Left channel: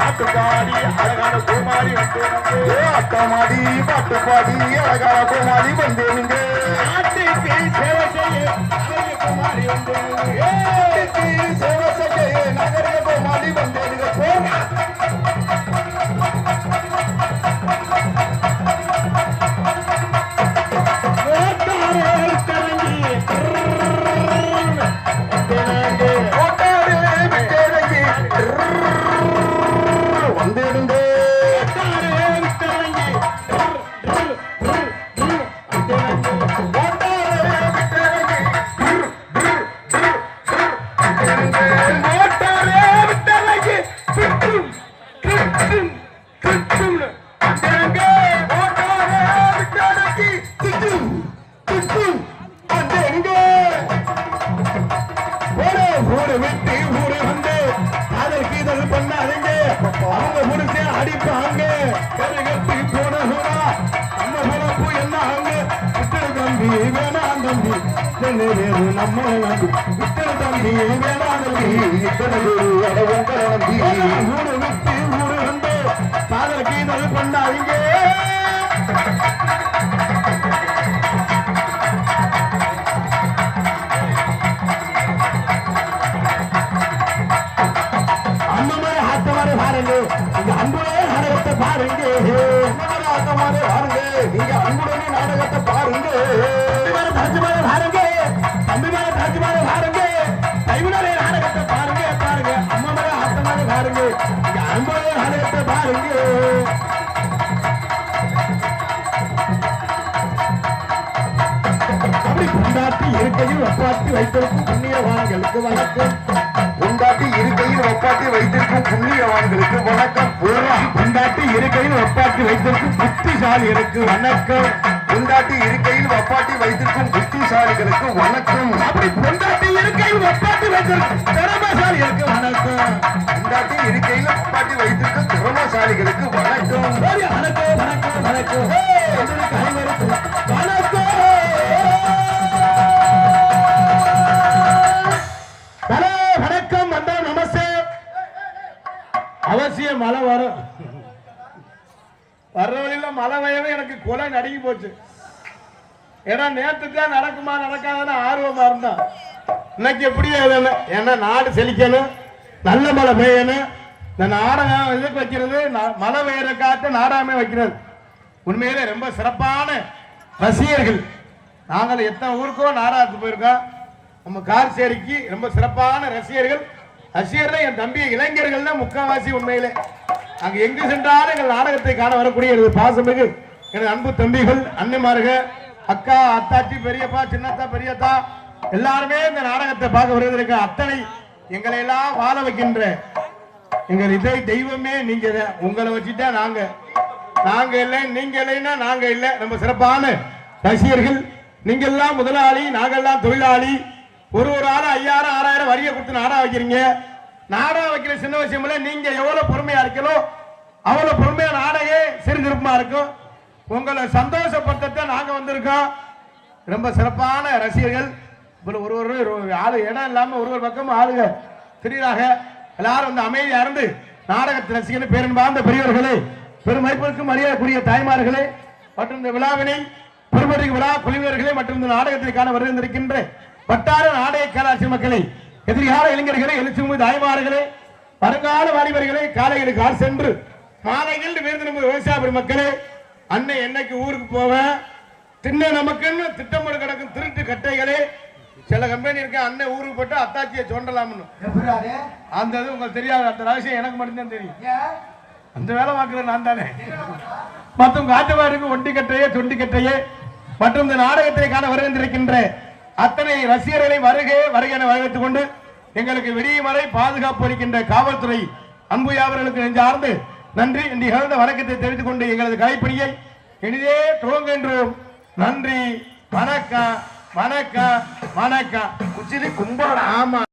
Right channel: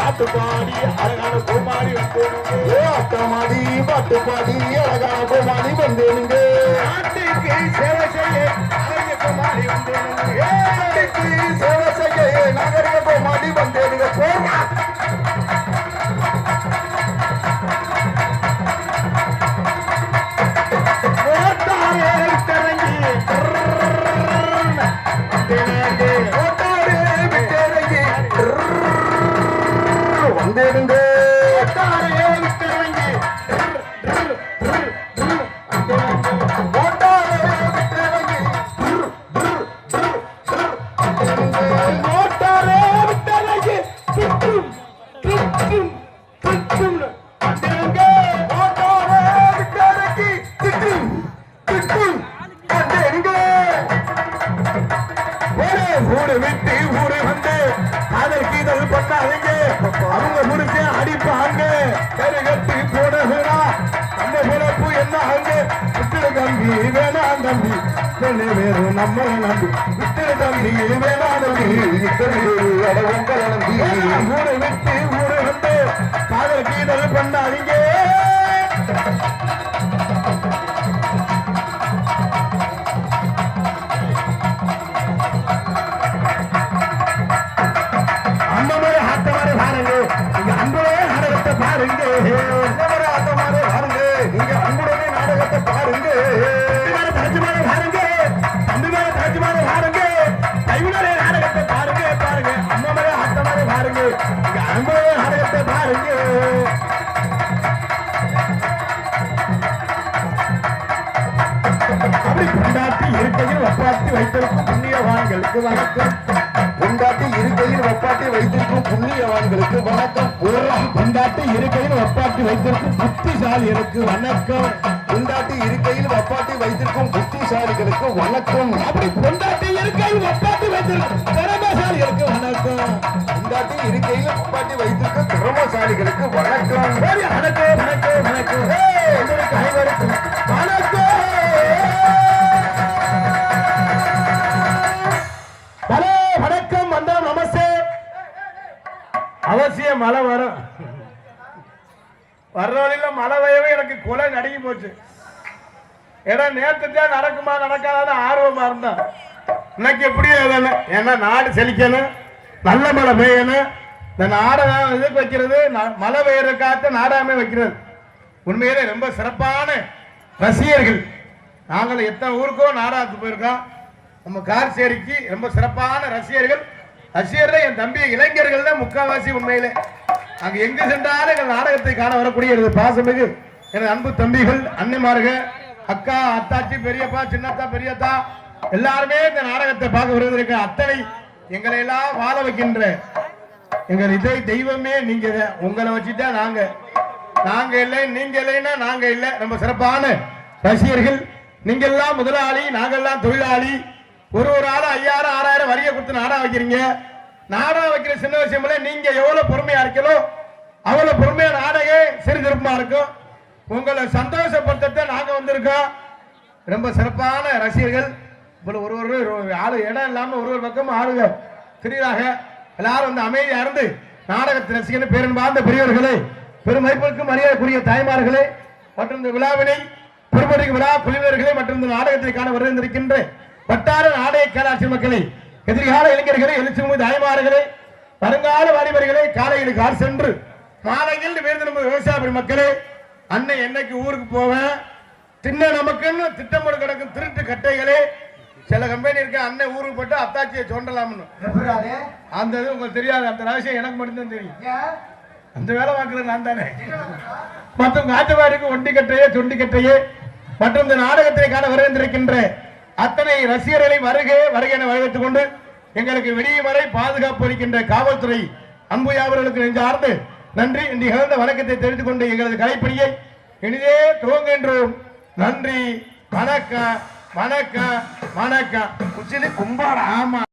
பாட்டு பாடி அழகான கோமாளி வந்தேனுங்க. அட்டமாடி பாட்டு பாடி அழகான கோமாளி வந்தேனுங்க. நாட்டுக்கு சேவை செய்ய அழகிய கோமாளி வந்தேனுங்க. நாட்டுக்கு சேவை செய்ய நகரிய கோமாளி வந்தேனுங்க. போமா நம்ம நம்பி இத்தனை தம்பி வேணாம் நம்பி இத்தனை உங்களை நம்பி ஊரு விட்டு ஊரு வந்து காதல் கீதல் பண்ணாதீங்க. அந்த மாதிரி ஆட்டமாரி பாருங்க, நீங்க அன்புடைய நாடகத்தை பாருங்க. அந்த மாதிரி ஆட்டமாரி பாருங்க, நீங்க அன்புடைய நாடகத்தை பாருங்க. பாருங்க தம்பிமார தாஜ்மார பாருங்க, கைவினரே நாடகத்தை பாருங்க பாருங்க. அம்மாமர ஆட்டமாரே பாருங்க, இங்க அன்புடைய நாடகத்தை பாருங்க. அப்படி கொண்டாட்டி இருக்கையில் ஒப்பாட்டி வைத்திருக்கும் புண்ணியவான்களுக்கு வணக்கம். கொண்டாட்டி இருக்கையில் ஒப்பாட்டி வைத்திருக்கும் புண்ணியவான்களுக்கு வணக்கம். கொண்டாட்டி இருக்கையில் ஒப்பாட்டி வைத்திருக்கும் புத்திசாலிகளுக்கு வணக்கம். கொண்டாட்டி இருக்கையில் வப்பாட்டி வைத்திருக்கும் புத்திசாலிகளுக்கு வணக்கம். அப்படி கொண்டாட்டி இருக்கையில் வப்பாட்டி வைத்திருக்கும் திறமசாலிகளுக்கு வணக்கம். கொண்டாட்டி இருக்கையில் வப்பாட்டி வைத்திருக்கும் திறமசாலிகளுக்கு வணக்கம். வணக்கம் வணக்கம் வணக்கம் அனைவருக்கும் வணக்கம். ஹலோ வணக்கம் வந்தோம் நமஸ்தே. அவசியம் மழை வரும். வர்ற வழியில மழை வயவே எனக்கு கொலை நடுங்கி போச்சு. ஏன்னா நேற்று தான் நடக்குமா நடக்காதான்னு ஆர்வமா இருந்தா இன்னைக்கு எப்படி ஏன்னா நாடு செழிக்கணும், நல்ல மழை பெய்யணும். இந்த நாடகம் இதுக்கு வைக்கிறது மழை பெய்யற காத்து நாடாமே வைக்கிறது. உண்மையிலே ரொம்ப சிறப்பான ரசிகர்கள். நாங்கள் எத்தனை ஊருக்கோ நாடகத்துக்கு போயிருக்கோம். நம்ம கார்சேரிக்கு ரொம்ப சிறப்பான ரசிகர்கள். ரசிகர்கள் என் தம்பி இளைஞர்கள் தான் முக்கால்வாசி. உண்மையிலே அங்க எங்கு சென்றாலும் எங்கள் நாடகத்தை காண வரக்கூடிய எனது பாசமிகு எனது அன்பு தம்பிகள், அன்னைமார்கள், அக்கா, அத்தாச்சி, பெரியப்பா, சின்னத்தா, பெரியத்தா எல்லாருமே இந்த நாடகத்தை பார்க்க வருவதற்கு அத்தனை எங்களை எல்லாம் வாழ வைக்கின்ற எங்கள் இதை தெய்வமே நீங்க. உங்களை வச்சுட்டா நாங்க இல்லை, நீங்க இல்லைன்னா நாங்க இல்லை. ரொம்ப சிறப்பான ரசிகர்கள். நீங்க எல்லாம் முதலாளி, நாங்கெல்லாம் தொழிலாளி. ஒரு ஆள் 5000 6000 வரியை கொடுத்து நாடகம் வைக்கிறீங்க. நாடகம் வைக்கிற சின்ன விஷயம் இல்லை. நீங்க எவ்வளவு பொறுமையா இருக்கீங்களோ அவ்வளவு பொறுமையா நாடகம் சிறுதிருப்பமா இருக்கும். உங்களை சந்தோஷப்படுத்த நாங்க வந்திருக்கோம். ரொம்ப சிறப்பான ரசிகர்கள். ஒரு ஆளு இடம் இல்லாம ஒரு பக்கம் ஆளுங்க தெரியுறாங்க. எல்லாரும் வந்து அமைதியா இருந்து நாடகத்தை ரசிகர்கள், பேரன்பார்ந்த பெரியவர்களே, பெருமைப்பிற்கும் மரியாதைக்குரிய தாய்மார்களே மற்றும் இந்த விழாவினை பெருமதிக்கு விழா குழுவினர்களே மற்றும் இந்த நாடகத்தை காண வருகின்ற வட்டார நாடக கலாச்சி மக்களை, எதிர்கால இளைஞர்களே, எழுச்சி தாய்மார்களே, வருங்கால வாலிபர்களே, காலையில் கால் சென்று மாலையில் வீழ்ந்து விவசாய மக்களே, அன்னை என்னைக்கு ஊருக்கு போவேன் தின்ன நமக்குன்னு திட்டமிட கிடக்கும் திருட்டு கட்டைகளே. சில கம்பெனி இருக்க அண்ணன் ஊருக்கு போட்டு அத்தாச்சியை சொண்டலாம்னு அந்த இது உங்களுக்கு தெரியாது. அந்த ரகசியம் எனக்கு மட்டும்தான் தெரியும். அந்த வேலை பார்க்கறது நான் தானே. மற்ற காட்டுவாருக்கு ஒண்டி கட்டையே சொண்டி கட்டையே மற்றும் இந்த நாடகத்தை காண வருகின்ற அத்தனை ரசிகர்களை வருக வருக என வரவேற்றுக் கொண்டு எங்களுக்கு வெளியே வரை பாதுகாப்பு அளிக்கின்ற காவல்துறை அன்பு அவர்களுக்கு நெஞ்சார்ந்து நன்றி நிகழ்ந்த வணக்கத்தை தெரிவித்துக் கொண்டு எங்களது கலைப்பணியை எளிதே துவங்குகின்றோம். நன்றி, வணக்கம், வணக்கம், வணக்கம். குச்சிலி கும்பாடா. ஆமா.